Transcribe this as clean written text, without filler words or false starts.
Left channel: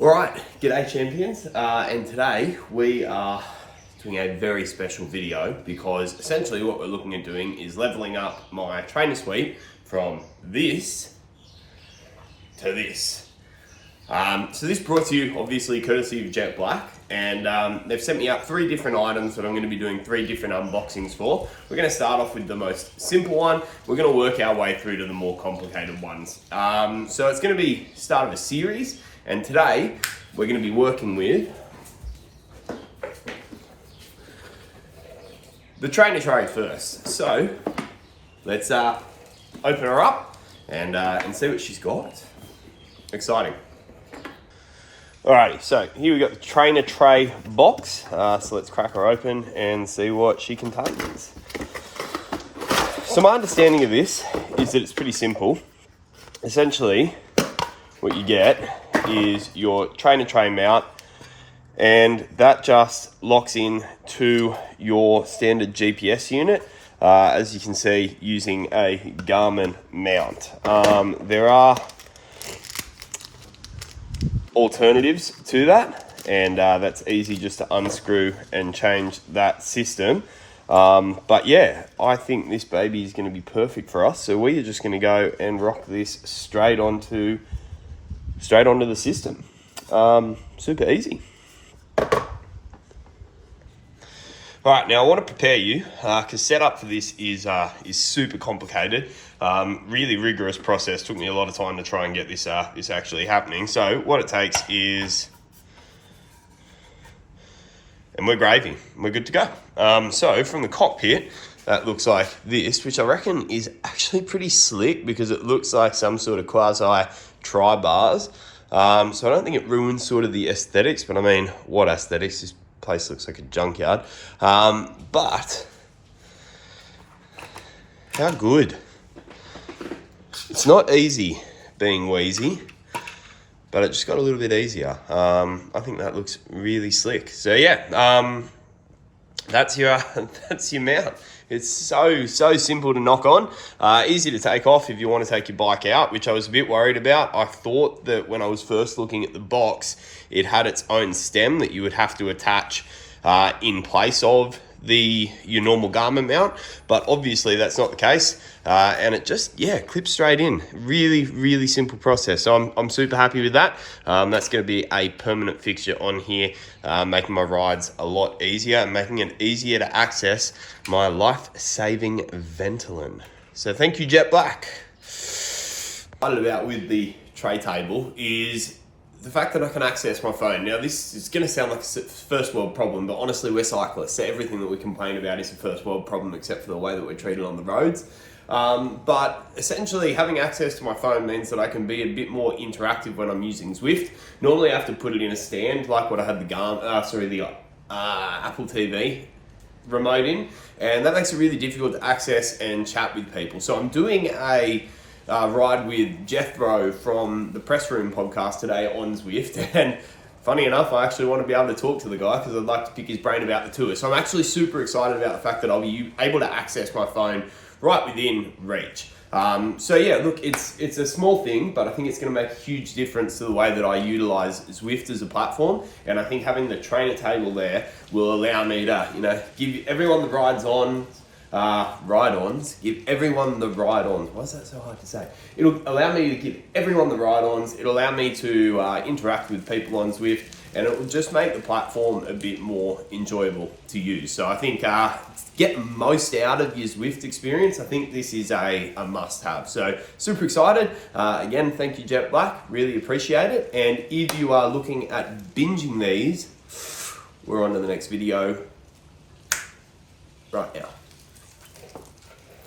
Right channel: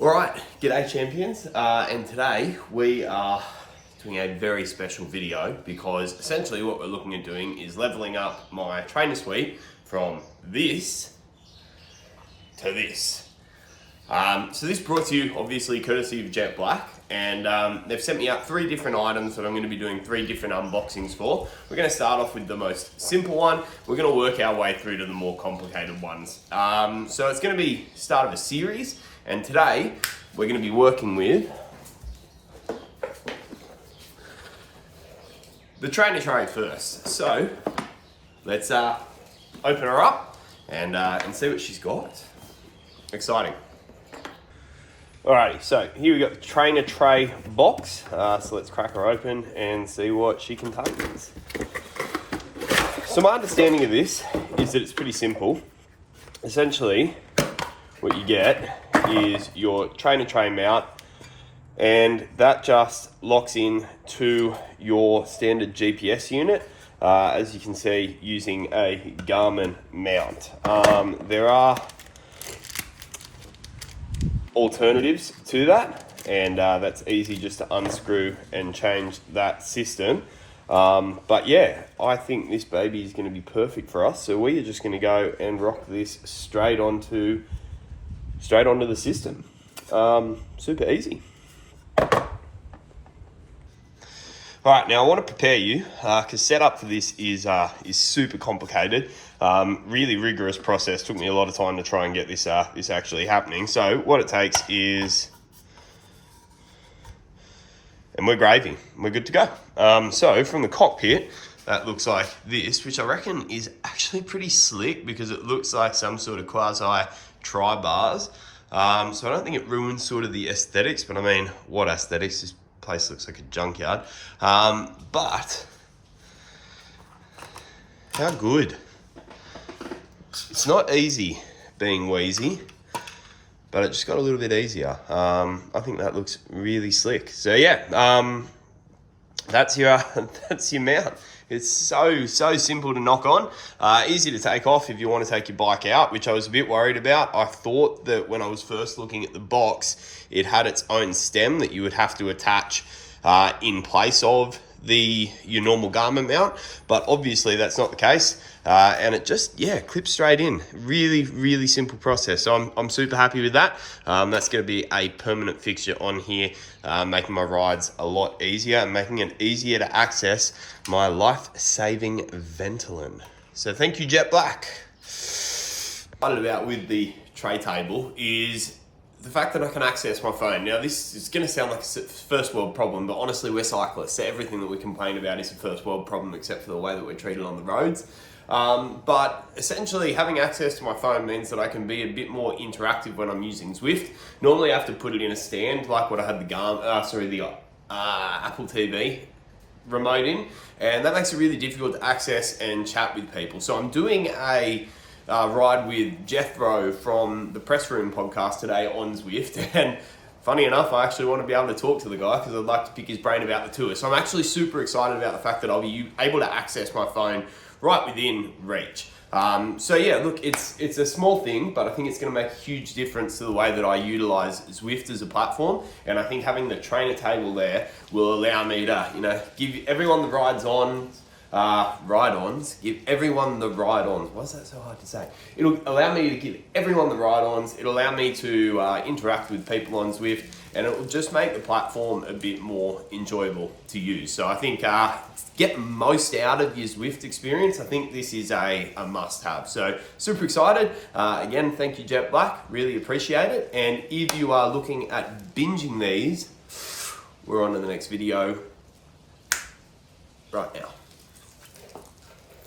Alright, g'day champions, and today we are doing a very special video because essentially what we're looking at doing is leveling up my trainer suite from this to this. So this brought to you obviously courtesy of JetBlack, and they've sent me out 3 different items that I'm going to be doing 3 different unboxings for. We're going to start off with the most simple one. We're going to work our way through to the more complicated ones. So it's going to be start of a series. And today, we're going to be working with the trainer tray first. So, let's open her up and see what she's got. Exciting. Alrighty, so here we got the trainer tray box. So let's crack her open and see what she contains. So my understanding of this is that it's pretty simple. Essentially, what you get is your trainer tray mount, and that just locks in to your standard GPS unit, as you can see, using a Garmin mount. There are alternatives to that, and that's easy just to unscrew and change that system. But yeah, I think this baby is going to be perfect for us, so we are just going to go and rock this straight onto the system. Super easy. Alright, now I want to prepare you, because setup for this is super complicated. Really rigorous process. Took me a lot of time to try and get this actually happening. So what it takes is, and we're gravy. We're good to go. So from the cockpit, that looks like this, which I reckon is actually pretty slick because it looks like some sort of quasi tri-bars. So I don't think it ruins sort of the aesthetics, but I mean, what aesthetics? This place looks like a junkyard. But how good. It's not easy being wheezy, but it just got a little bit easier. I think that looks really slick. So yeah, that's your mount. It's so simple to knock on, easy to take off if you want to take your bike out, which I was a bit worried about. I thought that when I was first looking at the box, it had its own stem that you would have to attach in place of your normal Garmin mount, but obviously that's not the case. And it just, clips straight in. Really simple process. So I'm super happy with that. That's going to be a permanent fixture on here, making my rides a lot easier and making it easier to access my life-saving Ventolin. So thank you, JetBlack. What I'm excited about with the tray table is the fact that I can access my phone. Now, this is going to sound like a first world problem, but honestly, we're cyclists. So everything that we complain about is a first world problem, except for the way that we're treated on the roads. But essentially, having access to my phone means that I can be a bit more interactive when I'm using Zwift. Normally, I have to put it in a stand, like what I had the Apple TV remote in, and that makes it really difficult to access and chat with people. So I'm doing a ride with Jethro from the Press Room podcast today on Zwift, and funny enough, I actually want to be able to talk to the guy because I'd like to pick his brain about the tour. So I'm actually super excited about the fact that I'll be able to access my phone right within reach. So yeah, look, it's a small thing, but I think it's going to make a huge difference to the way that I utilize Zwift as a platform. And I think having the trainer table there will allow me to, give everyone the ride-ons. Give everyone the ride-ons. Why is that so hard to say? It'll allow me to give everyone the ride-ons. It'll allow me to interact with people on Zwift, and it will just make the platform a bit more enjoyable to use. So I think get most out of your Zwift experience. I think this is a must-have. So super excited. Again, thank you, JetBlack. Really appreciate it. And if you are looking at binging these, we're on to the next video right now.